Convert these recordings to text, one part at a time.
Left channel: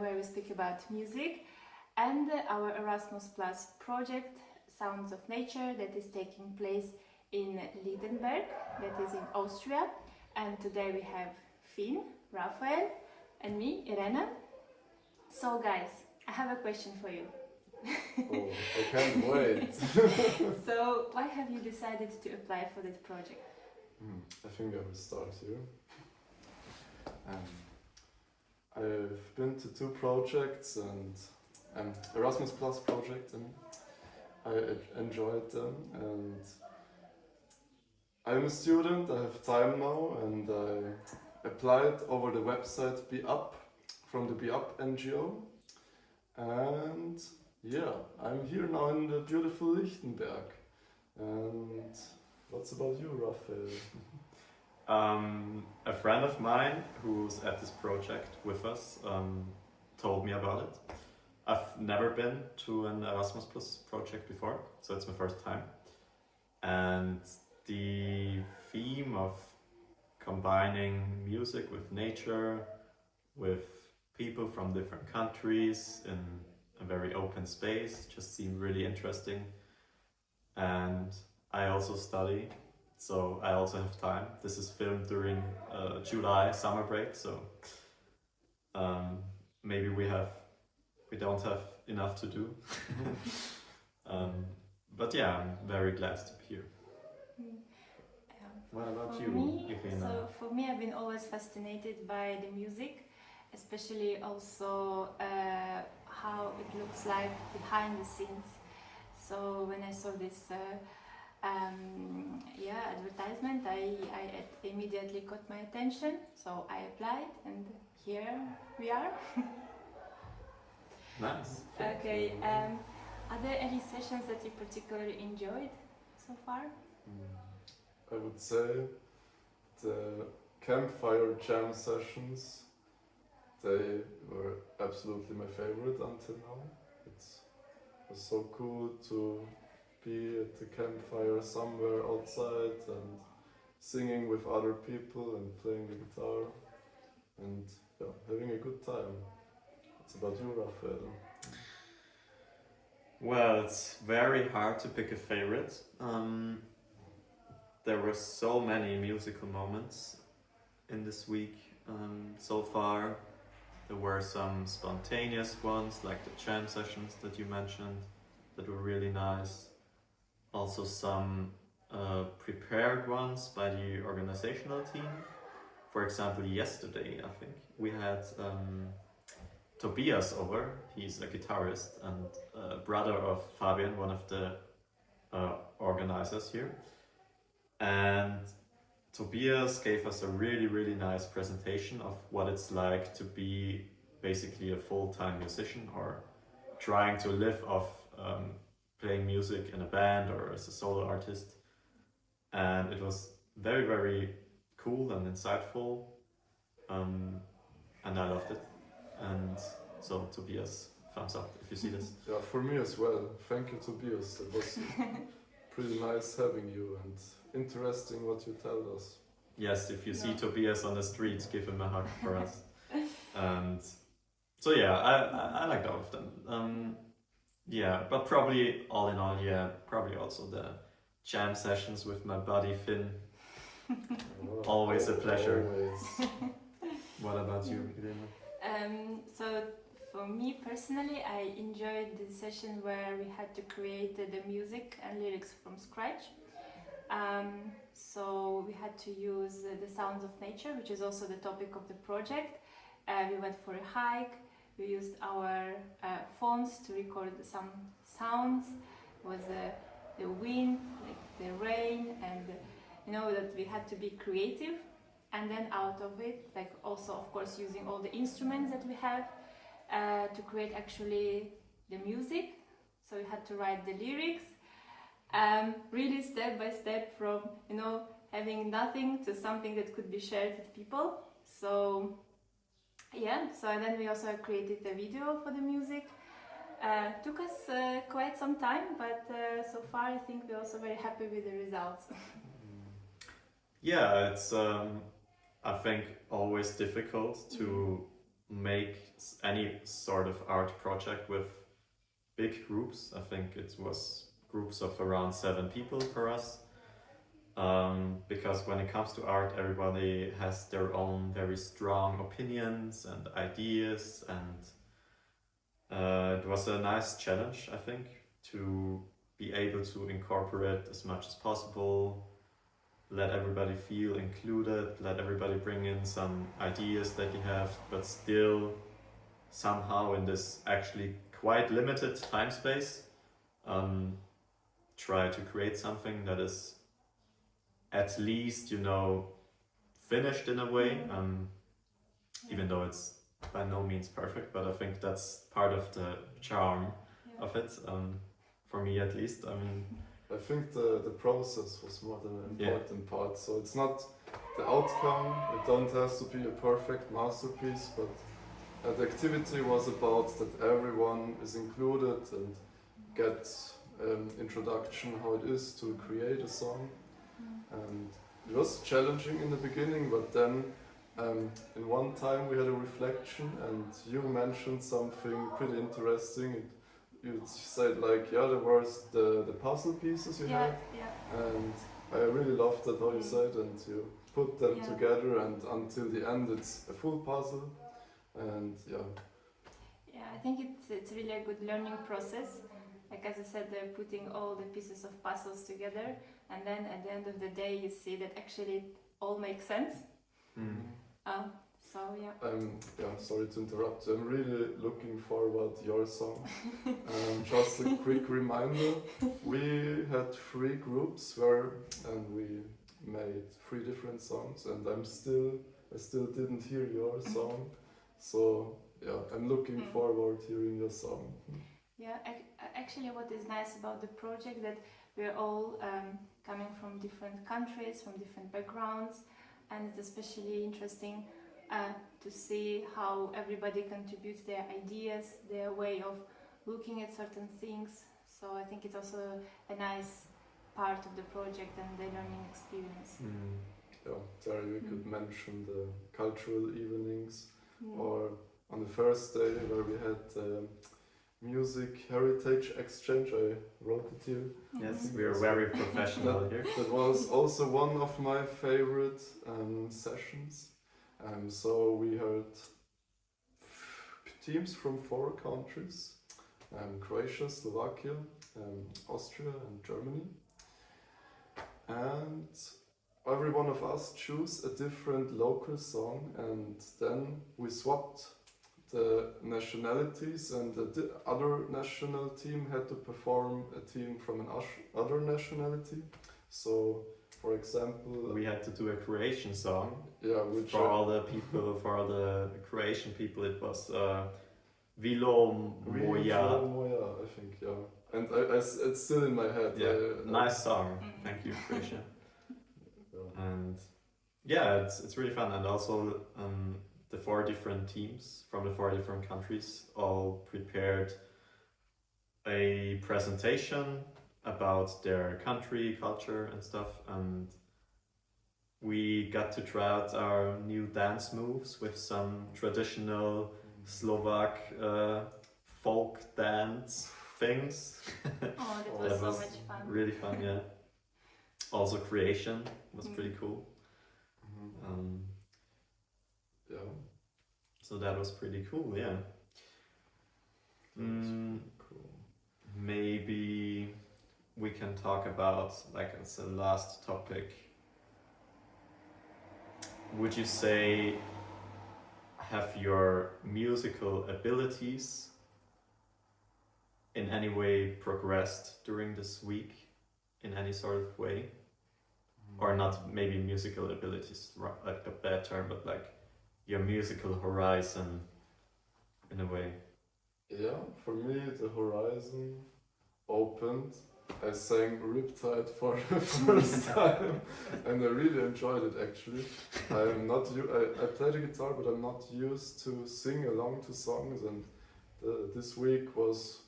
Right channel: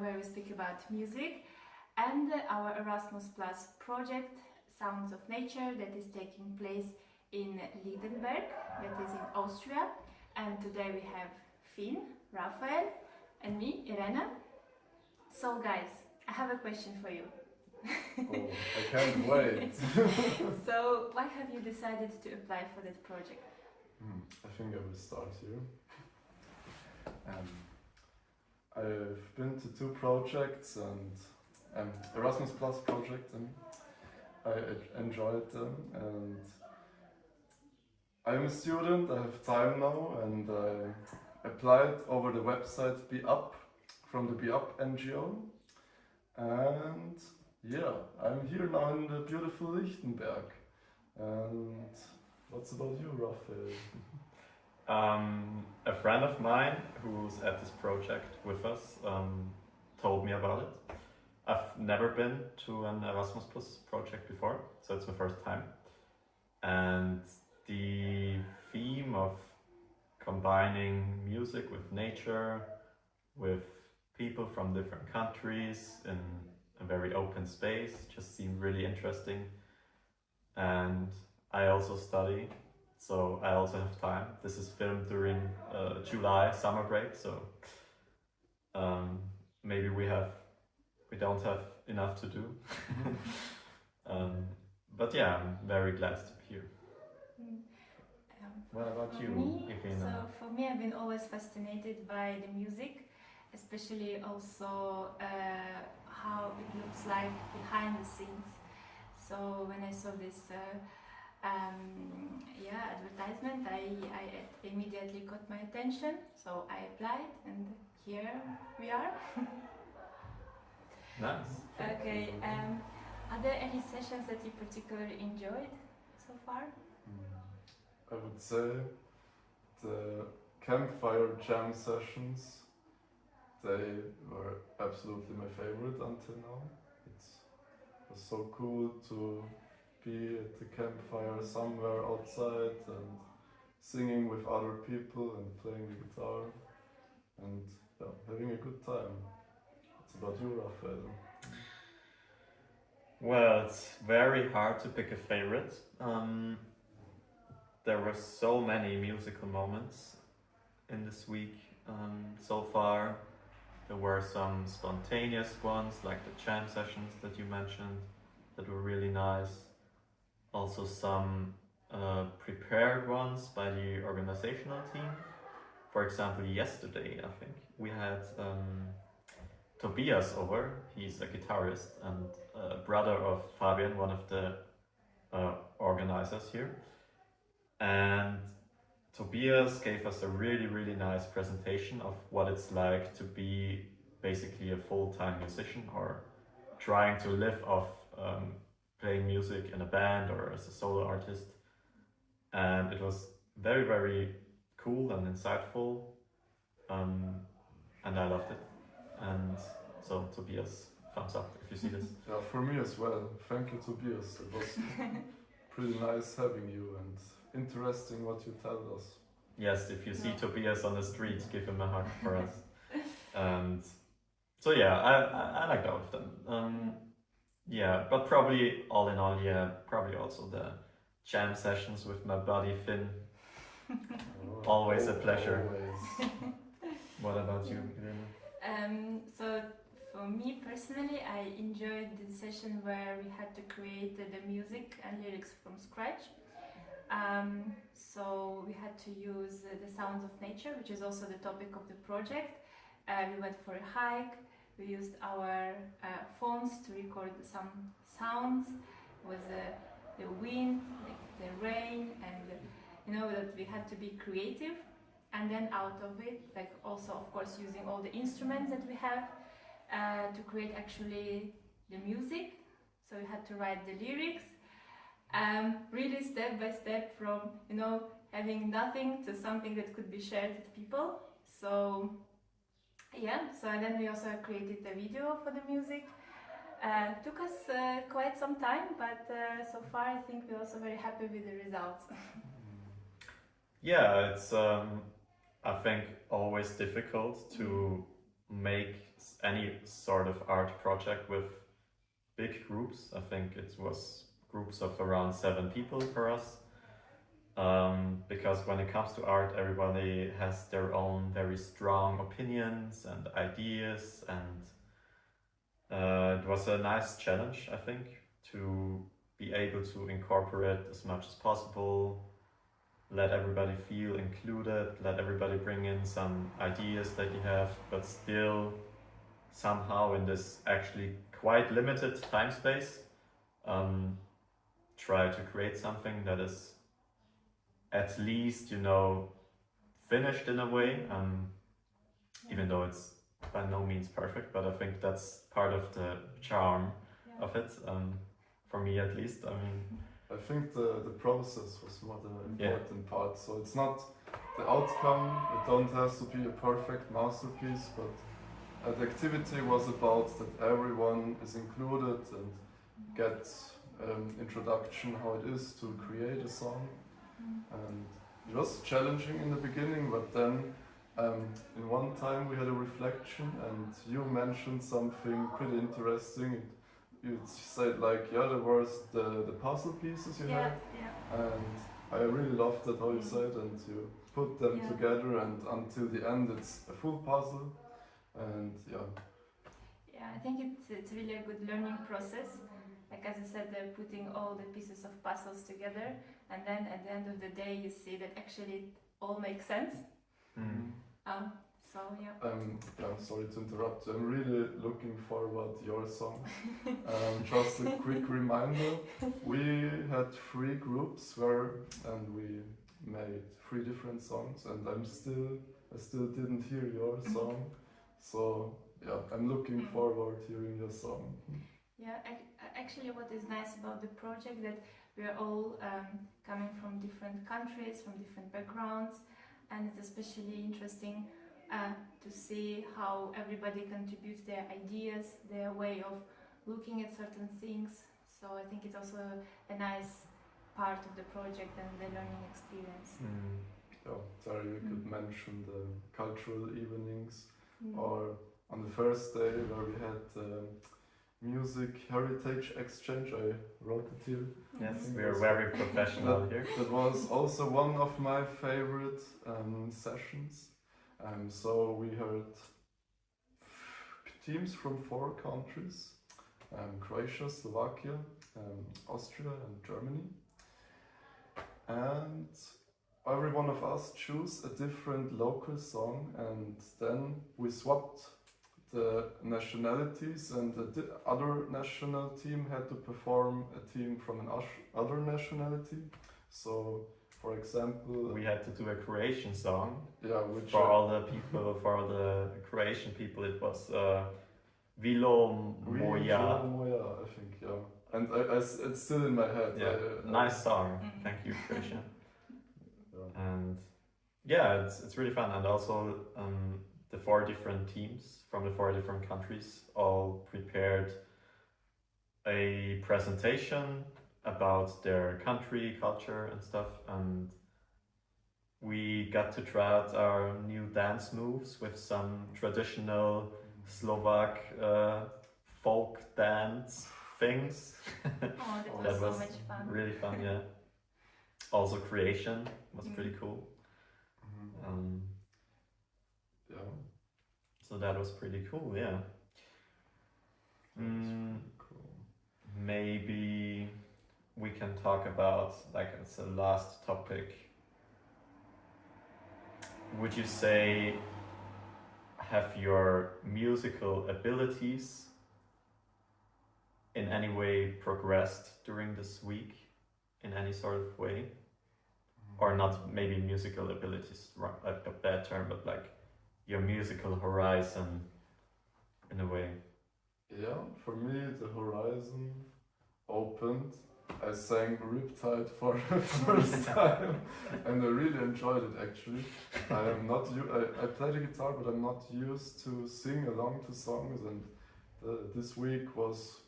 where we speak about music and our Erasmus Plus project, Sounds of Nature, that is taking place in Liedenberg, that is in Austria. And today we have Finn, Raphael, and me, Irena. So guys, I have a question for you. Oh, I can't wait. So why have you decided to apply for that project? I think I will start here. I've been to 2 projects and Erasmus Plus project, and I enjoyed them. And I'm a student, I have time now, and I applied over the website Be Up from the Be Up NGO. And yeah, I'm here now in the beautiful Lichtenberg. And what's about you, Raphael? A friend of mine who's at this project with us told me about it. I've never been to an Erasmus Plus project before, so it's my first time. And the theme of combining music with nature, with people from different countries in a very open space just seemed really interesting. And I also study, so I also have time. This is filmed during July summer break, so maybe we don't have enough to do. But yeah, I'm very glad to be here. What about you, Irina? So for me, I've been always fascinated by the music, especially also how it looks like behind the scenes. So when I saw this advertisement, I immediately caught my attention. So I applied, and here we are. Nice. Okay. Are there any sessions that you particularly enjoyed so far? I would say the campfire jam sessions, they were absolutely my favorite until now. It was so cool to be at the campfire somewhere outside and singing with other people and playing the guitar and having a good time. What's about you, Raphael? Well, it's very hard to pick a favorite. There were so many musical moments in this week so far. There were some spontaneous ones, like the jam sessions that you mentioned, that were really nice. Also some prepared ones by the organizational team. For example, yesterday, I think, we had Tobias over. He's a guitarist and brother of Fabian, one of the organizers here. And Tobias gave us a really nice presentation of what it's like to be basically a full-time musician or trying to live off playing music in a band or as a solo artist. And it was very cool and insightful, and I loved it. And so Tobias, thumbs up if you see this. Yeah, for me as well. Thank you, Tobias. It was pretty nice having you and interesting what you tell us. Yes, if you see Tobias on the street, give him a hug for us. And so yeah, I liked all of them. Yeah, but probably all in all, probably also the jam sessions with my buddy Finn. Always a pleasure. Always. What about you, Irina? So for me personally, I enjoyed the session where we had to create the music and lyrics from scratch. So we had to use the sounds of nature, which is also the topic of the project. We went for a hike. We used our phones to record some sounds. It was the wind, like the rain, and that we had to be creative. And then out of it, like also of course using all the instruments that we have to create actually the music. So we had to write the lyrics, really step by step from having nothing to something that could be shared with people. So then we also created a video for the music. Took us quite some time, but so far I think we're also very happy with the results. Yeah, it's I think always difficult to make any sort of art project with big groups. I think it was groups of around 7 people for us. Because when it comes to art, everybody has their own very strong opinions and ideas, and it was a nice challenge, I think, to be able to incorporate as much as possible, let everybody feel included, let everybody bring in some ideas that you have, but still somehow in this actually quite limited time space, try to create something that is at least, finished in a way, even though it's by no means perfect, but I think that's part of the charm of it, for me at least. I mean, I think the process was more the important part. So it's not the outcome, it don't have to be a perfect masterpiece, but the activity was about that everyone is included and gets introduction how it is to create a song. And it was challenging in the beginning, but then in one time we had a reflection and you mentioned something pretty interesting. You said like, yeah, there was the puzzle pieces you had, and I really loved that how you said, and you put them together and until the end it's a full puzzle, and I think it's really a good learning process. Like as I said, they're putting all the pieces of puzzles together, and then at the end of the day you see that actually it all makes sense. Sorry to interrupt. I'm really looking forward to your song. Just a quick reminder: we had 3 groups and we made 3 different songs, and I still didn't hear your song. So I'm looking forward to hearing your song. Actually, what is nice about the project that we are all coming from different countries, from different backgrounds, and it's especially interesting to see how everybody contributes their ideas, their way of looking at certain things. So I think it's also a nice part of the project and the learning experience. Sorry, we could mention the cultural evenings, or on the first day where we had music heritage exchange. I wrote it here. Yes, we are very professional here. That was also one of my favorite sessions. So we heard teams from 4 countries: Croatia, Slovakia, Austria and Germany. And every one of us chose a different local song, and then we swapped the nationalities, and the other national team had to perform a team from other nationality. So, for example, we had to do a Croatian song. Which for all the Croatian people, it was Vilo Moja. I think, and it's still in my head. Nice song. Thank you, Croatia. And it's really fun, and also the 4 different teams from the 4 different countries all prepared a presentation about their country, culture and stuff, and we got to try out our new dance moves with some traditional Slovak folk dance things. That was so much fun. Really fun, yeah. Also creation was pretty cool. So that was pretty cool, yeah. Cool. Maybe we can talk about, like, as a last topic, would you say, have your musical abilities in any way progressed during this week in any sort of way? Or not maybe musical abilities, like a bad term, but like your musical horizon in a way. For me the horizon opened. I sang Riptide for the first time and I really enjoyed it actually. I play the guitar, but I'm not used to sing along to songs, and this week was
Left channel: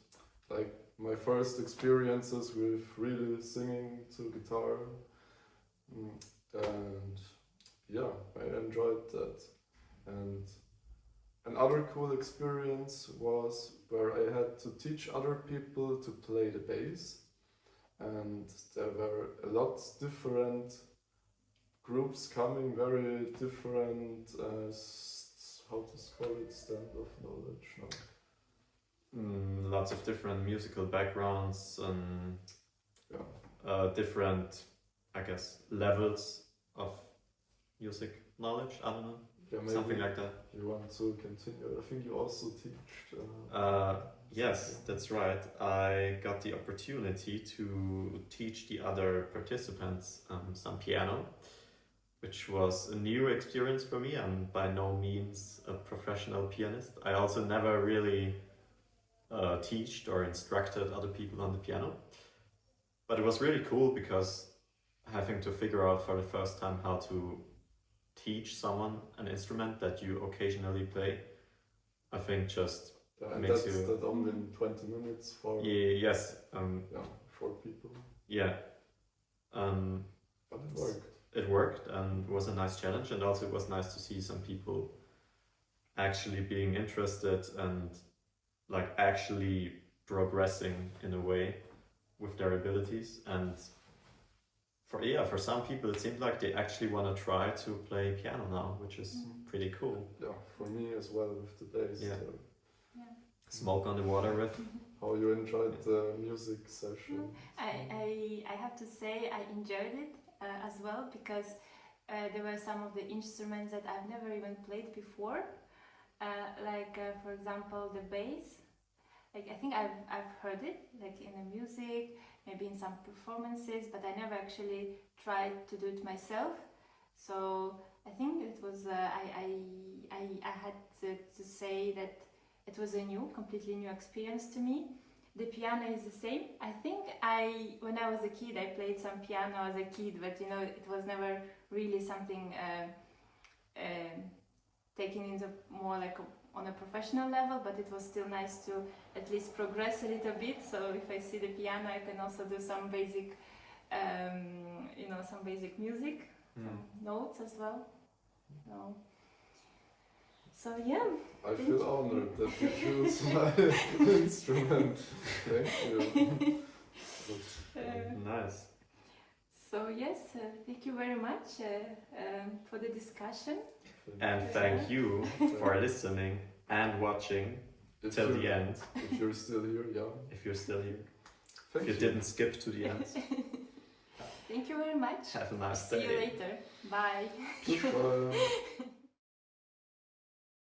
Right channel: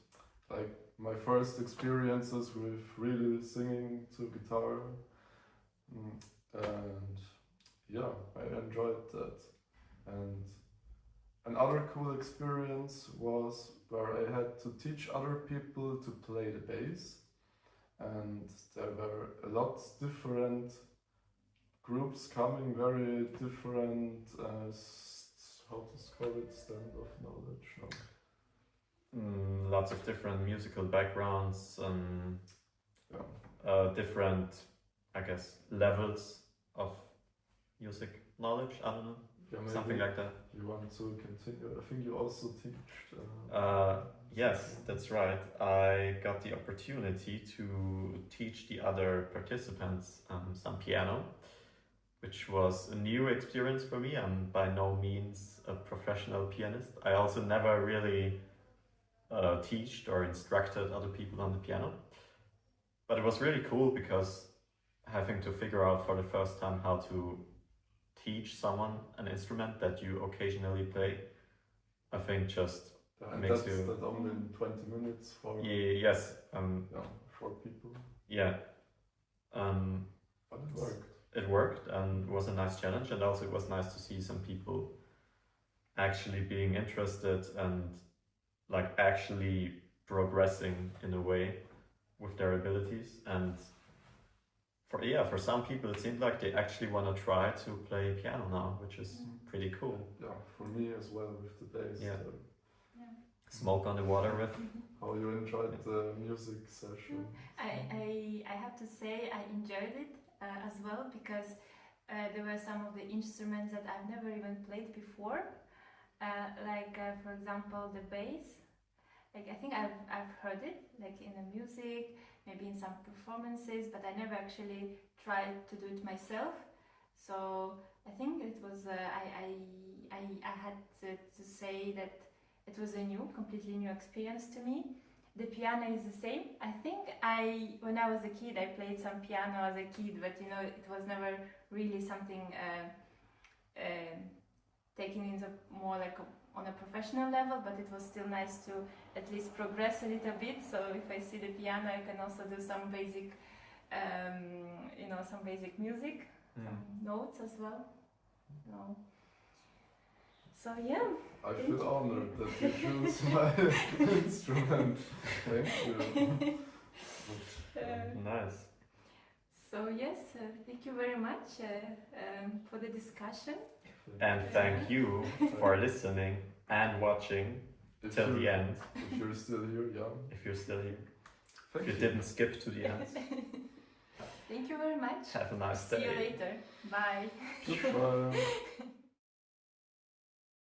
like my first experiences with really singing to guitar, and I enjoyed that. And Another cool experience was where I had to teach other people to play the bass, and there were a lot different groups coming, very different, how to call it, stand of knowledge, no? Lots of different musical backgrounds and different, I guess, levels of music knowledge. I don't know. Yeah, Something like that. You want to continue? I think you also teach. Yes, that's right. I got the opportunity to teach the other participants some piano, which was a new experience for me. I'm by no means a professional pianist. I also never really taught or instructed other people on the piano. But it was really cool because having to figure out for the first time how to teach someone an instrument that you occasionally play, I think just makes you... That only in 20 minutes for... Yes. 4 people. Yeah. But it worked. It worked and was a nice challenge, and also it was nice to see some people actually being interested and like actually progressing in a way with their abilities. And for some people it seemed like they actually want to try to play piano now, which is pretty cool. Yeah, for me as well with the bass. Yeah. Smoke on the water with. How you enjoyed the music session? I have to say I enjoyed it as well, because there were some of the instruments that I've never even played before, for example the bass. Like I think I've heard it like in the music, maybe in some performances, but I never actually tried to do it myself. So I think it was I had to say that it was a completely new experience to me. The piano is the same. I think when I was a kid, I played some piano as a kid, but it was never really something taken into more like on a professional level, but it was still nice to at least progress a little bit. So if I see the piano, I can also do some basic, some basic music, some notes as well. So yeah. I feel honored that you choose my instrument. Thank you. Nice. So yes, thank you very much for the discussion. And thank you for listening and watching till the end. If you're still here, yeah. If you're still here. Thank if you didn't skip to the end. Thank you very much. Have a nice day. See you later. Bye. Goodbye.